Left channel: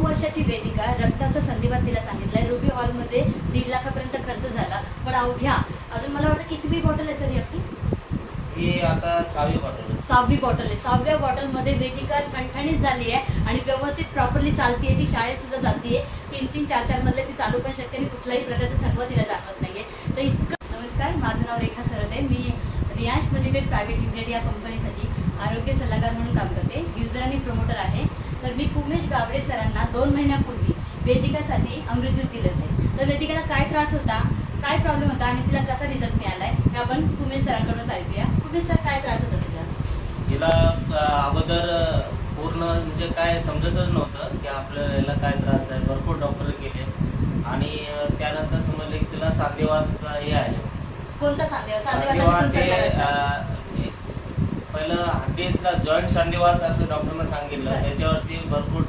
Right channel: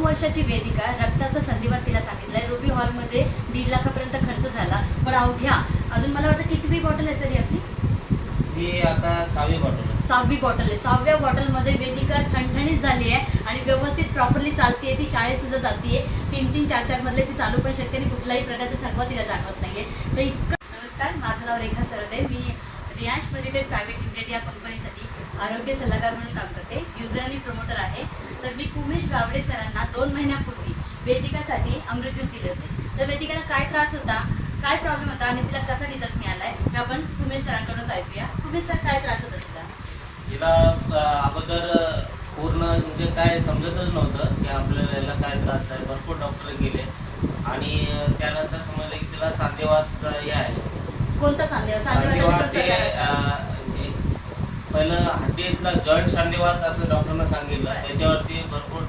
नऊ वर्षाची वेदिका रक्ताचा संधिवात तिला सांगितलाय. रुबी हॉलमध्ये दीड लाखापर्यंत खर्च झाला. पण अवघ्या अजून मला वाटतं कितवी बॉटल आहे सर ही आपली? ही आता सहावी बॉटल आहे. सहावी बॉटल आहे. सहाव्या बॉटलमध्ये वेदिका ठणठणीत झाली आहे आणि व्यवस्थित प्रॉपरली चालतीये. ती शाळेत सुद्धा जातीये तीन तीन चार चार मधले ती चालू पण शकते आणि कुठलाही प्रकारचा थकवा तिला जाणवत नाहीये. तर इतकं नमस्कार. माझं नाव रेखा सरदे. मी रियांश मेडिटेड प्रायव्हेट लिमिटेड या कंपनीसाठी आरोग्य सल्लागार म्हणून काम करते. युजर आणि प्रमोटर आहे. तर मी उमेश गावडे सरांना दोन महिन्यापूर्वी वेदिकासाठी अमृत ज्यूस दिले होते. तर वेदिकाला काय त्रास होता काय प्रॉब्लेम होता आणि तिला कसा रिझल्ट मिळालाय हे आपण उमेश सरांकडून ऐकूया. उमेश सर काय त्रास होता तिला? अं, अगोदर पूर्ण म्हणजे काय समजतच नव्हतं की आपल्याला याला काय त्रास आहे. भरपूर डॉक्टर गेले आणि त्यानंतर समजलं की तिला सांधेवातचा हे आहे. कोणता अं, हे पहिलं हड्डीतला जॉईंट सांधेवात असं डॉक्टरनं सांगितलं. त्याच्यावरती भरपूर